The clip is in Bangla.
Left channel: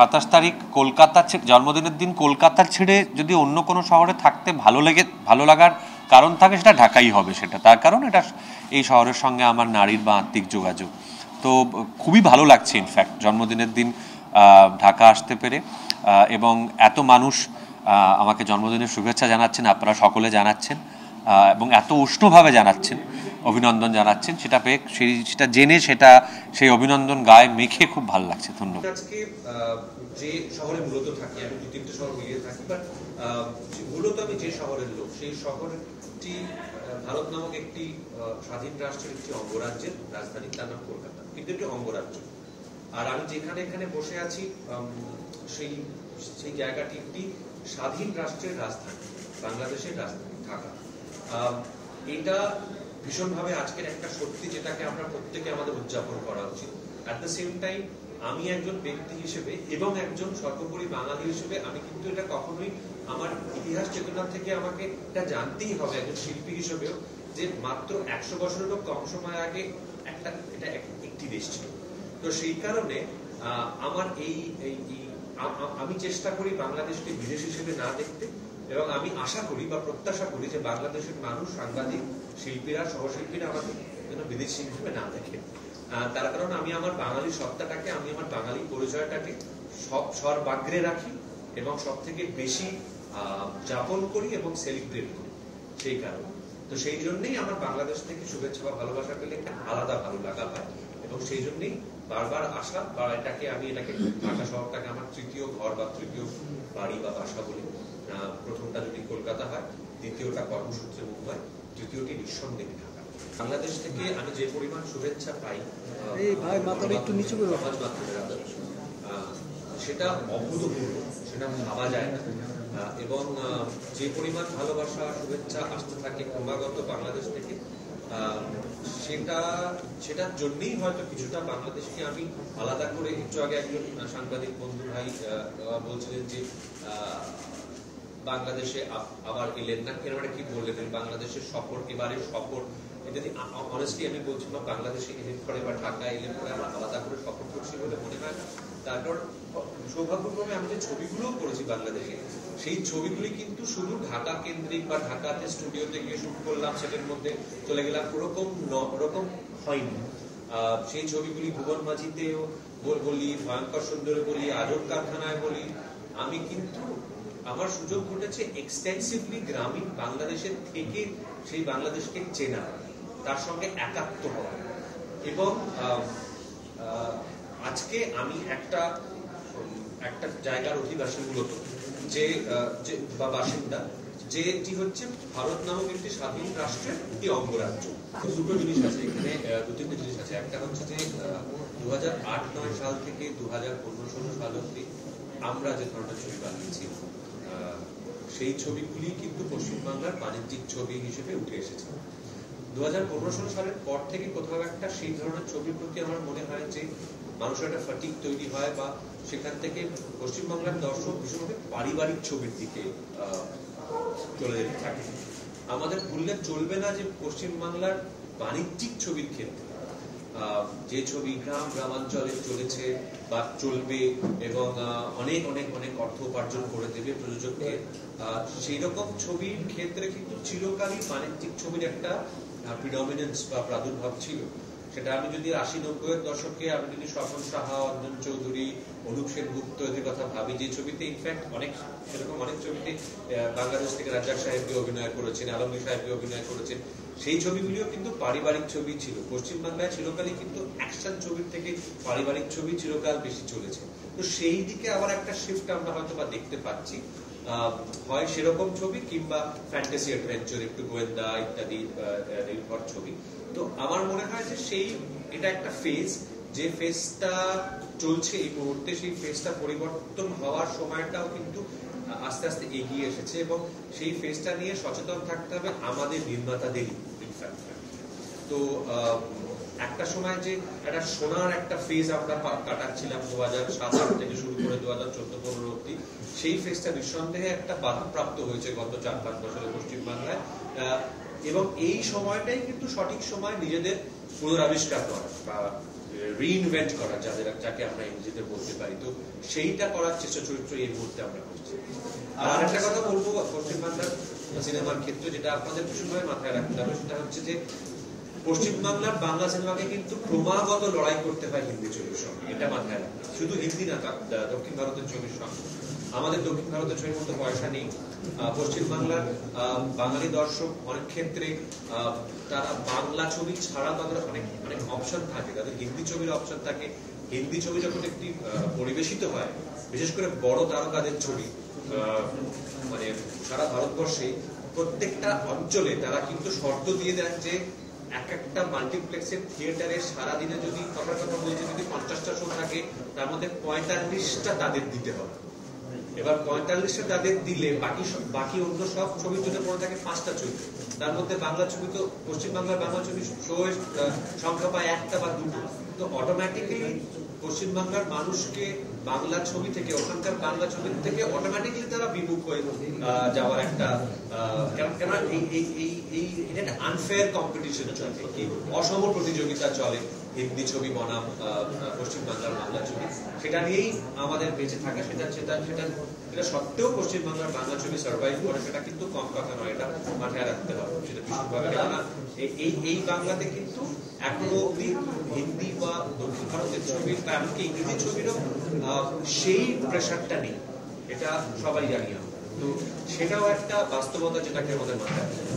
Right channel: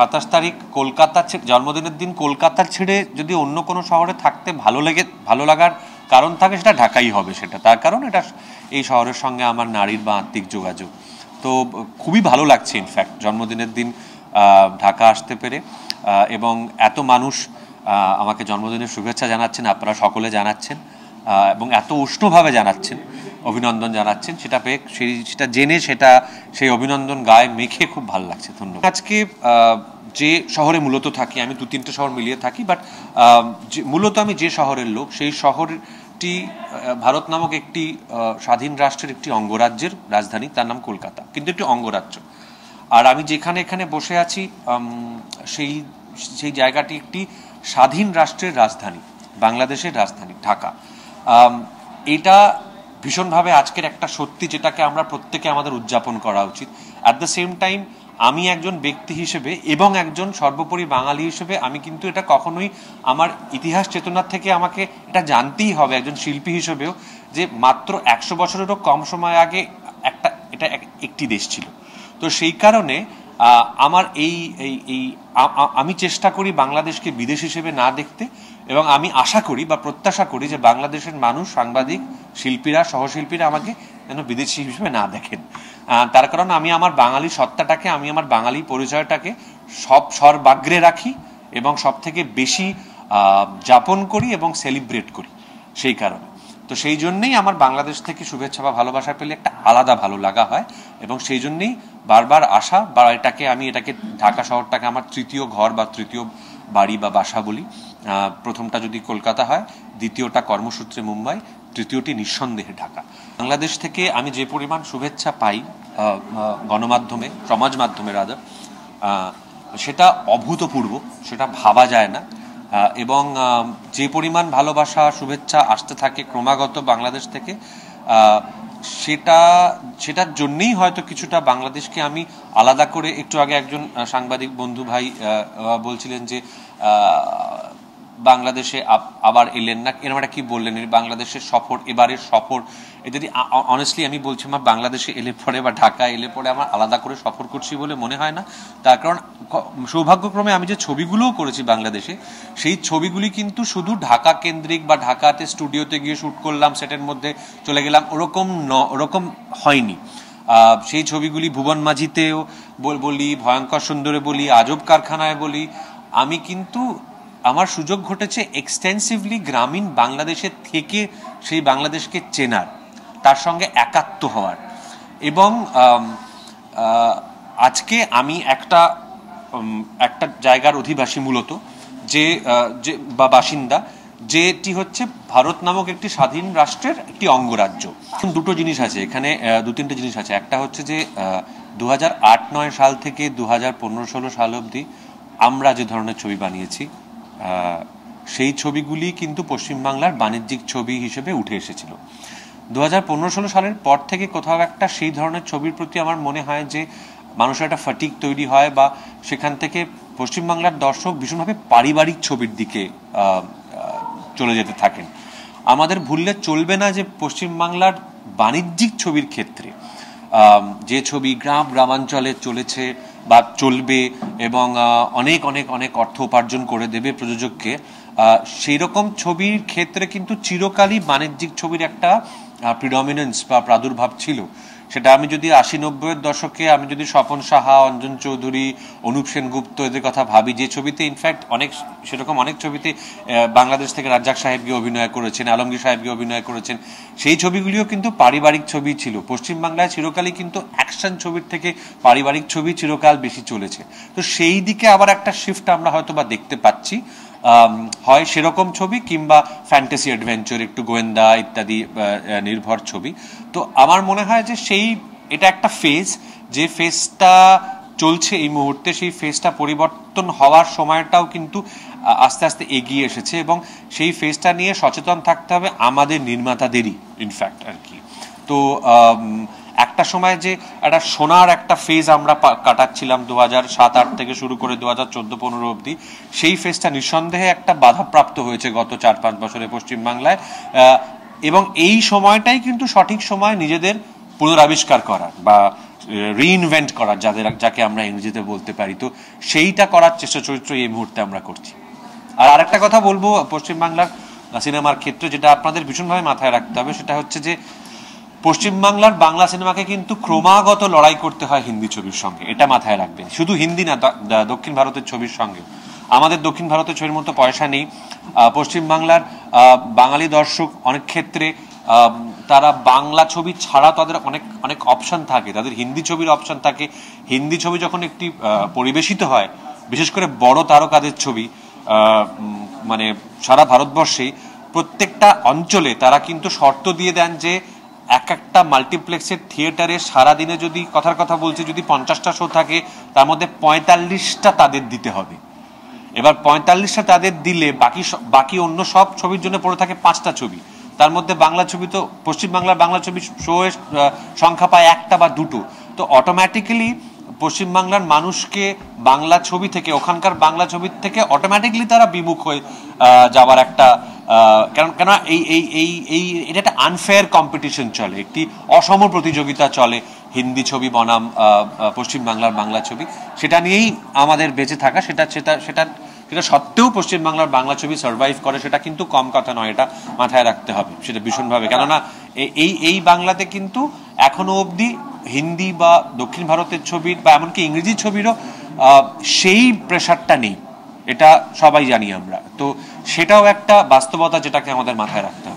27 তারিখ কলকাতা জন্মদিনের দিন কলকাতা ছেড়ে যদি অন্য কোনো শহরে থাকতে ভালো লাগার কারণ থাকে সেটা ঢাকাই হবে। সেটা তার কারণ এটা এই শহরের সঙ্গে আমার নারীর বা আত্মিক যোগাযোগ। তো খুবই ভালো লাগছে ইনফ্যাক্ট জন্মদিনের দিন ঢাকা আসতে পেরে, এবং এত মানুষ আমাকে জন্মদিনের শুভেচ্ছা জানাচ্ছেন, আপনারা সকলে জানাচ্ছেন এবং এত উষ্ণভাবে জানাচ্ছেন, অভিনন্দন জানাচ্ছেন, সেটা পেয়ে সেটা জেনে সেই অভিনন্দন গায়ে মেখে খুব ভালো লাগছে। ধন্যবাদ। আজকে যে শহরে মূলত থাকি, আমি 2-3টে শহর মিলিয়ে থাকি, বাট মূলত আমি যে শহরের লোক, সেই শহরটি ভারত নামক একটি স্বাধীন রাষ্ট্রের একটি অঙ্গরাজ্যের রাজধানী, তার নাম কলকাতা, কিন্তু একটি অঙ্গরাজ্য। আর আমি যেখানে এখানে বসে আছি সেই জায়গাটি একটি স্বাধীন রাষ্ট্রের রাজধানী, বাংলাদেশের রাজধানী ঢাকা। এটা ভীষণভাবে আজকের একটা সত্যি, যেটাকে আমরা প্রত্যেকে আমাদের উদযাপন করা উচিত। অ্যাট দ্য সেম টাইম আমি একজন ব্যক্তি হিসেবে এবং একজন সর্বোপরি বাঙালি হিসেবে আমি কিন্তু এটা কখনোই আমার ইতিহাস চেতনার থেকে আমাকে এটা জানতেই হবে, একজন শিল্পী হিসেবেও, যে মাত্র 100 বছরেরও কম সময় আগে এটা একটি দেশ ছিল। তো সেই কারণে আমার আমি চেষ্টা করি বাংলাদেশকে বিদেশ হিসেবে না দেখতে, এবং আমি আশা করি বা প্রত্যাশা করি যে বাংলাদেশের মানুষ, সাংবাদিক, শিল্পীরা, সহশিল্পীরা আমাকে যেন বিদেশি হিসেবে না দেখেন। তার কারণ আমি আমার বাঙালি সত্তাটাকে, আমি আমার বাঙালি পরিচয়টাকে সর্বাগ্রে রাখি এবং সব থেকে বেশি যাপন করি এবং সেলিব্রেট করি সেই কারণে। তো সেই জন্যেই আমার বাংলাদেশ থেকে শুভেচ্ছা বা ভালোবাসা পেলে একটা আলাদা ভালো লাগা হয়, এবং সেই জন্যেই বারবার আসা, বা আমি এটাকে ঢাকা শহরটাকে আমার তৃতীয় ঘর বা তৃতীয় বাড়ি বা বাসা বলি। প্রথমটা যদি কলকাতা হয়, দ্বিতীয়টা কর্মসূত্রে মুম্বাই, তৃতীয়টি নিঃসন্দেহে ঢাকা। বাংলাদেশ থেকে আমি যে পরিমাণ শুভেচ্ছা পাই গণমাধ্যমে, সমাজ মাধ্যমে রাদার, সেটা অভূতপূর্ব, সেটা ভাবা যায় না। এবং যে পরিমাণ ভালোবাসা, শুভেচ্ছা আসতে থাকে ক্রমাগত বাংলাদেশ থেকে, সেটার জন্যেই হয়তো কিছুটা বাংলাদেশকে আমি আলাদা করে, একটু আগে একজন সাংবাদিক বন্ধু ভাই বলছিলেন যে বাংলাদেশে আবার এলেন না, এরকম একটা কি বললেন, বাংলাদেশের সফর, এবারের সফর, যদি অনেস্টলি আমি বলছি, আমার বাংলাদেশে এলে পরে বা ঢাকা এলে পরে আমার আলাদা করে সফর করছি বলে মনে হয় না। তার কারণ সৌভাগ্যক্রমে আমি যে ছবিগুলোও করেছি বাংলাদেশে, সেই ছবিগুলি কিন্তু শুধু ঢাকা কেন্দ্রিক বা ঢাকাতে স্টুডিওতে গিয়ে শ্যুট করলাম, সেটের মধ্যে চলে গেলাম, ওরকম হয়নি। সেই ছবিগুলি ভুবন মাঝিতেও বলি, ভয়ঙ্কর সুন্দরে বলি, আজব কারখানায় বলি, আমি কিন্তু আমার সুযোগ ঘটেছে এক্সটেন্সিভলি গ্রামীণ বাংলাদেশের থেকে সেই বাংলাদেশকে চেনার, তার সঙ্গে একাত্ম হওয়ার। এবং আজকে আমি একটা জায়গার অধিবাসী মূলত, যে বা বাসিন্দা, যেটি হচ্ছে ভারত নামক একটি স্বাধীন রাষ্ট্রের একটি অঙ্গরাজ্য। দুটো জিনিস আছে এখানে, 2-3টে জিনিস আছে। একটা হচ্ছে যে 2008-9 সাল থেকে 2015-16 সাল অবধি আমরা যে ধরনের ছবি বানিয়েছি, সেই ছবিগুলি কিন্তু পশ্চিমবাংলার বাণিজ্যিক ছবি হিসেবে উঠে এসেছিল। 2015-16 সালের পর থেকে কোথাও একটা সেই ধরনের ছবির প্রতি আমার মনে হয় যে মানুষের একটা ফাটিক তৈরি হয়, বা সেখান থেকে পশ্চিমবাংলার দর্শক ভীষণভাবে পারিবারিক ছবির দিকে চলে যেতে থাকেন। আমাদের ভুললে চলবে না যে পশ্চিমবাংলার বাণিজ্যিক ছবির ক্ষেত্রে যে ছবি গ্রামাঞ্চলে চলেছে বা চলবে এবং অনেক অনেক অনেক অর্থ উপার্জন করে দেবে প্রযোজককে, সেই রকম ছবির ক্ষেত্রে কিন্তু চিরকালই বাণিজ্যিক ছবির একটা প্রিডমিনেন্স বা প্রাদুর্ভাব ছিল। সেটা আমি যদি 80-90-এর দশকে আমি যদি স্বপন সাহা, অঞ্জন চৌধুরী, অনুপ সেনগুপ্ত এদের কথা ভাবি, যে ছবিতে ইনফ্যাক্ট সেরকম অনেক ছবিতে বাংলাদেশ থেকে রাজ্জাক সাহেব গিয়ে অভিনয় করেছেন, আলমগীর সাহেব গিয়ে অভিনয় করেছেন, সেই ছবিগুলিও কিন্তু পারিবারিক ছবি ছিল। পশ্চিমবাংলায় চিরকালই কিন্তু অ্যাকশন ছবির থেকে পারিবারিক ছবি চিরকাল বেশি চলেছে। তো সেই দিকে আবার একটা শিফট আমরা হয়তো বা দেখতে পাচ্ছি, হয় সেরকম ছবি কিংবা ফ্যান্টাসি অ্যাডভেঞ্চার, একটু গোয়েন্দা ইত্যাদি নির্ভর ছবি। তো আমার মনে হয় যে এটা একটা ফেজ, যে ফেজটা চলছে এই মুহূর্তে, সেই ফেজটা পরিবর্তন হওয়ার সময়টাও কিন্তু আস্তে আস্তে এগিয়ে এসেছে, এবং সেই ফেজটা নিয়ে সচেতন থাকতে হবে আমাদের নির্মাতাদেরই ইনফ্যাক্ট আর কি। তো একটা সময় যে একটা সোনার একটা ফেজ আমরা কাটাচ্ছিলাম 2007-8 থেকে শুরু করে 2014-15 অবধি, সেই ফেজটা নিঃসন্দেহে একটা বাধাপ্রাপ্ত হয়েছে গত 4-5 বছরে পশ্চিমবাংলায়। এবং এই সময়টাই কিন্তু সঠিক সময় নিজেদের পুনরাবিষ্কার করা বা রিইনভেন্ট করার, যাকে আমরা ইংরেজিতে বলতে পারি, তো সেইটা করার চেষ্টা চরিত্র এই মুহূর্তে আমরা করছি। আর আরেকটা কথা বলবো পশ্চিমবাংলার সিনেমার ক্ষেত্রে, যেটা আপনাদের ভীষণভাবে মাথায় রাখতে হবে, সেটা হচ্ছে যে পশ্চিমবাংলার বাংলা সিনেমাকে কিন্তু ক্রমাগত লড়াই করতে হয় হিন্দি ছবির সঙ্গে, এটা মাথায় রাখবেন। শুধু হিন্দি না, দক্ষিণ ভারতের ছবির সঙ্গে। আমাদের দক্ষিণ ভারতের ছবির মতো পয়সা নেই। পশ্চিমবাংলার বাঙালি দর্শক অনেক ক্ষেত্রে তারা বাংলা ছবি ছাড়া তাদের অনেক অনেক অপশন থাকে, তাদের হিন্দি ছবির অপশন থাকে। হিন্দি ছবি যখন একটি পরিবেশিত হয়, বিশেষ করে বড় তারকাদের ছবি, মানে সারা ভারতবর্ষেই প্রত্যেকটা অঞ্চলে তারা কিন্তু শর্ত দিয়ে দেন যে এক একটা মাল্টিপ্লেক্সের থিয়েটারে সারাদিনে যদি, কথার কথা বলছি, যদি 50টা শো থাকে, তার মধ্যে 45টা তাদের দিতে হবে। এবার 45টা তাদের দিলে বাকি অন্য সব ছবির জন্য পড়ে থাকে 5টা ছবি। তার মধ্যে বাংলা ছবি, তো পশ্চিমবাংলার বাংলা ছবি শো এর সংখ্যা পায় 1টা বা 2টো। তো অটোমেটিক্যালি পশ্চিমবাংলার মানুষকে বাংলা ছবি থেকে, ওখানকার বাংলা ছবির থেকে অটোমেটিক্যালি তারা বিমুখ হয়ে যাওয়ার একটা, কেন এই এই এই এই এটা একটা আনফেয়ার কম্পিটিশন চলে, একটি অসম প্রতিযোগিতা চলে হিন্দি ছবি বনাম পশ্চিমবাংলার বাংলা ছবি। সেটা নিয়েই আমাদের বেঁচে থাকা। সেটা সেটা সেটা সেটা সত্ত্বেও পশ্চিমবাংলার বাংলা ছবি সার্ভাইভ করে, সেটা কিন্তু কম কথা নয়, এটা মাথায় রাখতে হবে সেটা ভীষণভাবে। কেননা এই বাংলাতে কিন্তু এখনো অবধি হিন্দি বা দক্ষিণ ভারতের ছবির বা এমনকি ইংরেজি ছবিরও সেই প্রেশারটা নেই, এটা সবাই জানি আমরা। তো সেটাও একটা বাস্তবতা যেটাকে আমাদের মাথায় রাখতে হবে।